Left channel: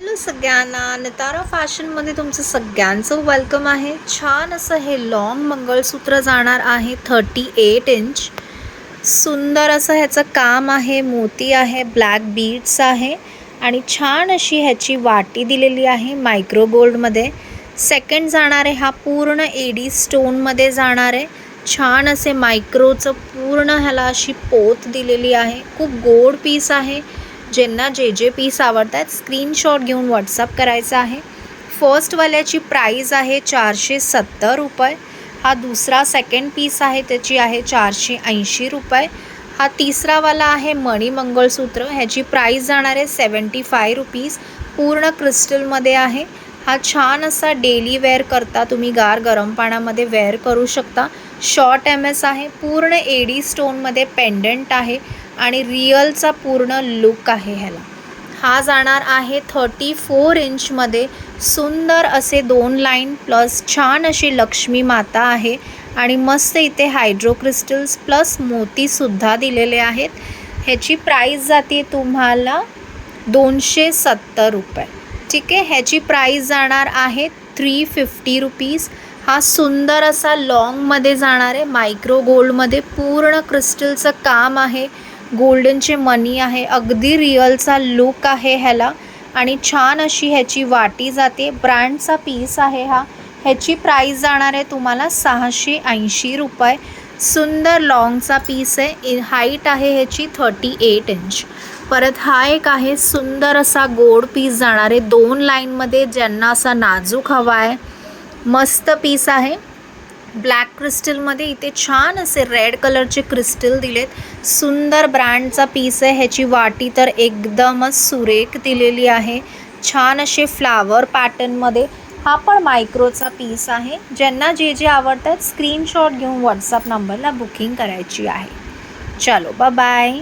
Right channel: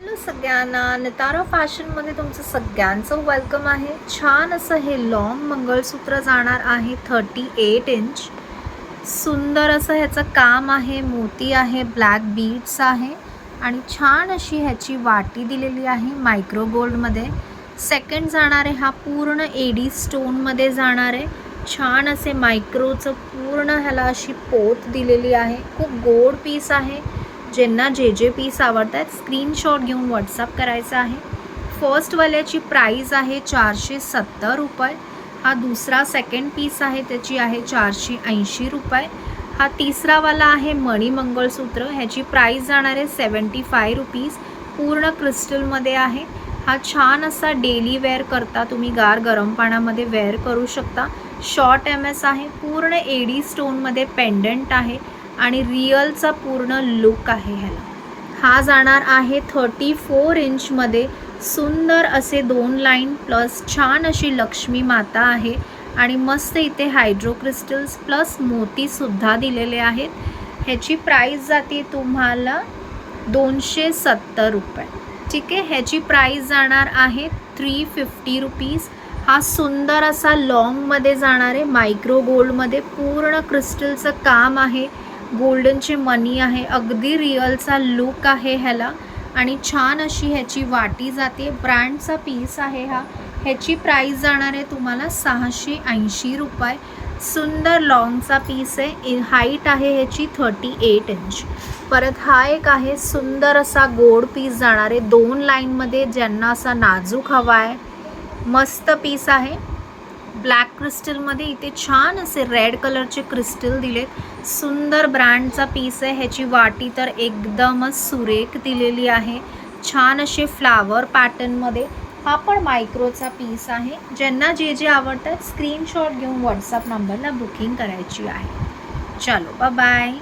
Hello सगळ्यांना, नितारा फॅशनमध्ये तुमचं सगळ्यांचं वेलकम आहे. छान असं हे लॉंग मंगळसूत्र जाणार आहे 38 इंच. सुंदर असं ह्याचं काम आहे, मोती आहे, ब्लॅक बीड्स आहे आणि छान अशी ह्याची वाटी दिलेली आहे मायक्रो गोल्डमध्ये. सेकंड जाणार आहे हा पूर्ण एडी स्टोनमध्ये जाणार आहे. छान असे मायक्रोचं पूर्ण ह्याला अशी पोत दिलेली आहे. खूप गोड पीस आहे. ज्यांना जे पीस आवडतात स्क्रीनशॉट घेऊन व्हॉट्सअप करायचा आहे. फर्स्टवाल्याची प्राईस आहे 470 रुपये. हा दुसरा सेकंड पीस आहे त्याची आहे 480 रुपये. हा तिसरावाला आहे मणी मंगळसूत्र, ह्याची प्राईस जाणार आहे 75 रुपीज. पूर्ण क्रिस्टलमध्ये आहे. हा छान असा डेली वेअर करता तुम्ही गार गरम पाण्यामध्ये वेअर करू शकता. शॉर्ट MS आहे. पूर्ण एडी स्टोनमध्ये पेंडंट आहे आणि रिअलचा पूर्ण लुक आहे ह्याला. हा जाणार आहे 34 इंचमध्ये. सुंदर असे 2 लाईन प्लस छान अशी लक्ष्मी माता आहे आणि मस्त इथे हायड्रो क्रिस्टल्स प्लस मोतीसुद्धा दिलेले आहेत. ह्याची प्राईस जाते तुम्हाला 270 रुपये. ठीक आहे, ह्याची प्राईस जाणार आहे 350 रुपीज. हा सुंदर असा लॉंगमध्ये जाणार आहे मायक्रो गोल्डमध्ये. पूर्ण क्रिस्टलचं काम आहे, गोल्डनचे मनी आहे, अगदी रिअलचा लुक आहे ह्याला आणि छान अशी ह्याची वाटी जाते. ब्रँडचा पीस आहे हा. ह्याची प्राईस जाणार आहे तुम्हाला 680 रुपये. सुंदर लॉंगचा पीस आहे. हाईट आहे ह्याची 38 इंच. परत हा एक आहे सुंदर असा गोड पीस जाणार आहे 2 लाईनमध्ये. ज्यांना असा नाजूक हवा आहे, मस्त पीस आहे. ब्लॅक क्रिस्टलमध्ये इथे छान असे रेड कलरचे क्रिस्टल दिलेत. सुंदर ब्रँडचा पीस आहे. ह्याची वाटी तर एकदमच सुरेख दिलेली आहे. छान असे फ्लावर पॅटर्नमध्ये. हा पण मायक्रोचा पीस आहे. ज्यांना जे आवडतात स्क्रीनशॉट घेऊन व्हॉट्सअप नंबरला बुकिंग करायची आहे. चलो बाय.